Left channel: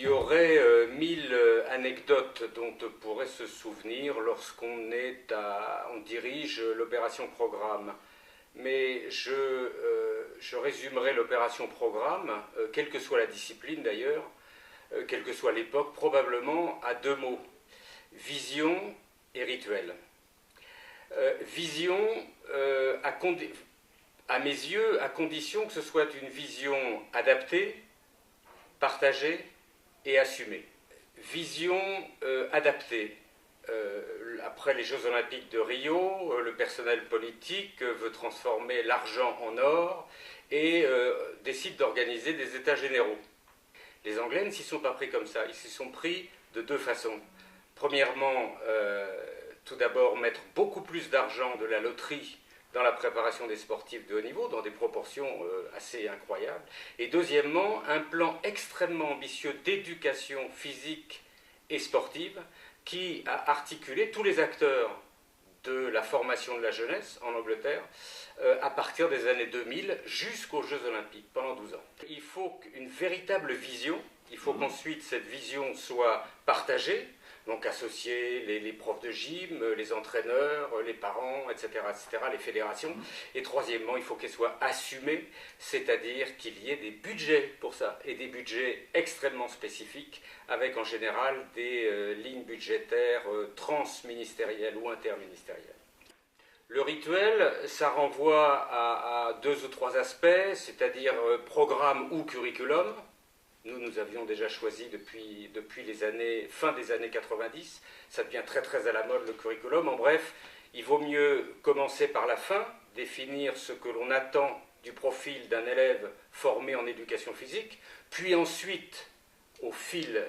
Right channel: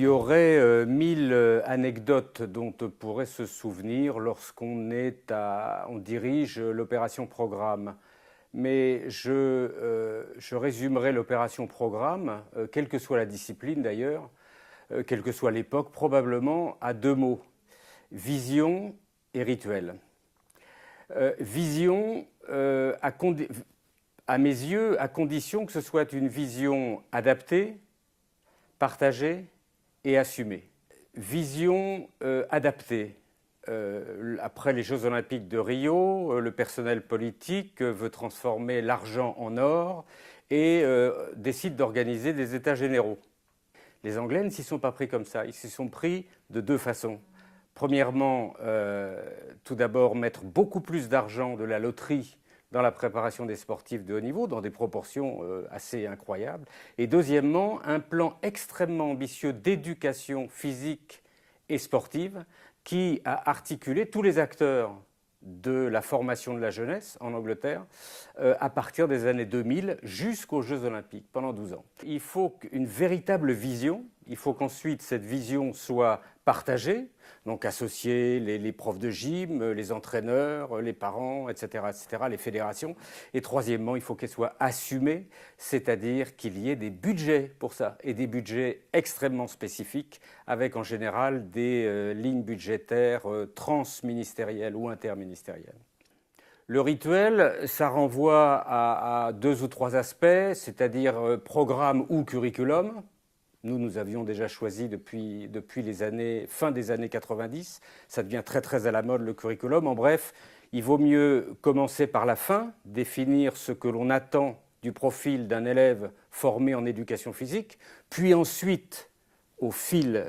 y aurait 1000 anecdotes dont on pourrait se souvenir lorsqu'on on dirige l'opération programme. Mais je résumerai l'opération programme, quelle que soit la discipline d'ailleurs, quelle que soit l'époque, probablement à deux mots: vision et rituel. Vision, à mes yeux, à condition que ce soit une vision adaptée, partagée et assumée. Vision adaptée. Après les Jeux Olympiques de Rio, le personnel politique veut transformer l'argent en or et décide d'organiser des États généraux. Les Anglais ne s'y sont pas pris comme ça, ils s'y sont pris de deux façons. Premièrement, tout d'abord mettre beaucoup plus d'argent de la loterie dans la préparation des sportifs de haut niveau, dans des proportions assez incroyables. Et deuxièmement, un plan extrêmement ambitieux d'éducation physique et sportive qui a articulé tous les acteurs de la formation de la jeunesse en Angleterre à partir des années 2000 jusqu'aux Jeux Olympiques, pendant 12 ans. Il faut une véritable vision, il faut qu'ensuite cette vision soit partagée, donc associer les profs de gym, les entraîneurs, les parents, etc., les fédérations. Et troisièmement, il faut qu'elle soit assumée, c'est-à-dire qu'il y ait des budgets pour ça, et des budgets extrêmement spécifiques, avec en général des lignes budgétaires transministérielles ou interministérielles. Le rituel, ça renvoie à deux ou trois aspects, c'est-à-dire programme ou curriculum. Nous avions déjà choisi depuis les fin des années 90. Ça devient très très à la mode, le curriculum. En bref, il vaut mieux commencer par la fin, définir ce que l'on attend du profil d'un élève formé en éducation physique, puis ensuite, au fil,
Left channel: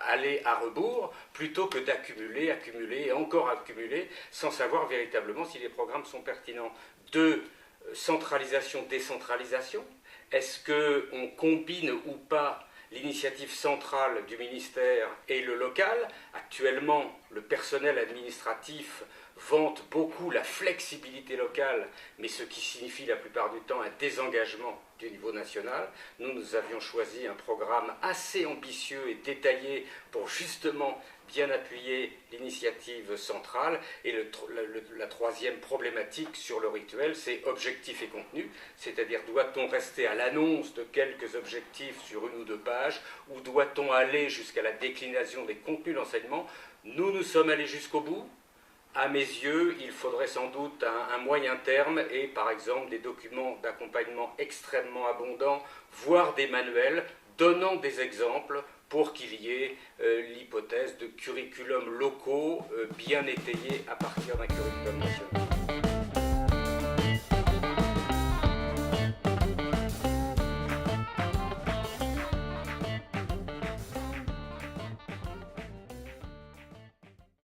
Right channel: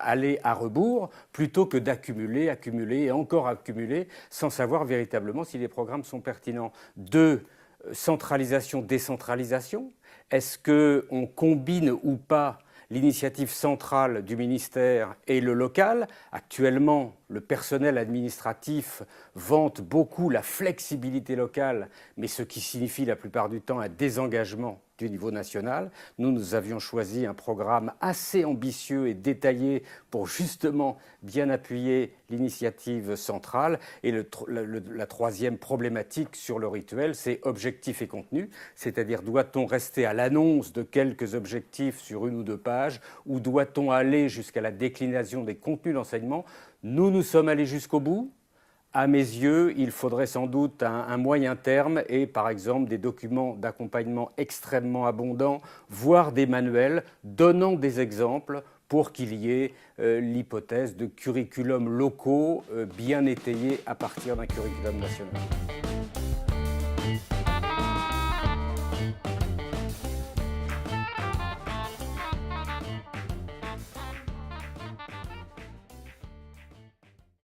aller à rebours, plutôt que d'accumuler, accumuler et encore accumuler, sans savoir véritablement si les programmes sont pertinents. Deux, centralisation, décentralisation. Est-ce qu'on combine ou pas l'initiative centrale du ministère et le local? Actuellement, le personnel administratif vante beaucoup la flexibilité locale, mais ce qui signifie la plupart du temps un désengagement du niveau national. Nous avions choisi un programme assez ambitieux et détaillé pour justement bien appuyer l'initiative centrale. Et la troisième problématique sur le rituel, c'est objectif et contenu, c'est-à-dire doit-on rester à l'annonce de quelques objectifs sur une ou deux pages, ou doit-on aller jusqu'à la déclinaison des contenus d'enseignement? Nous sommes allés jusqu'au bout. À mes yeux, il faudrait sans doute un moyen terme et par exemple des documents d'accompagnement extrêmement abondants, voire des manuels donnant des exemples pour qu'il y ait l'hypothèse de curriculums locaux bien étayés à partir d'un curriculum national.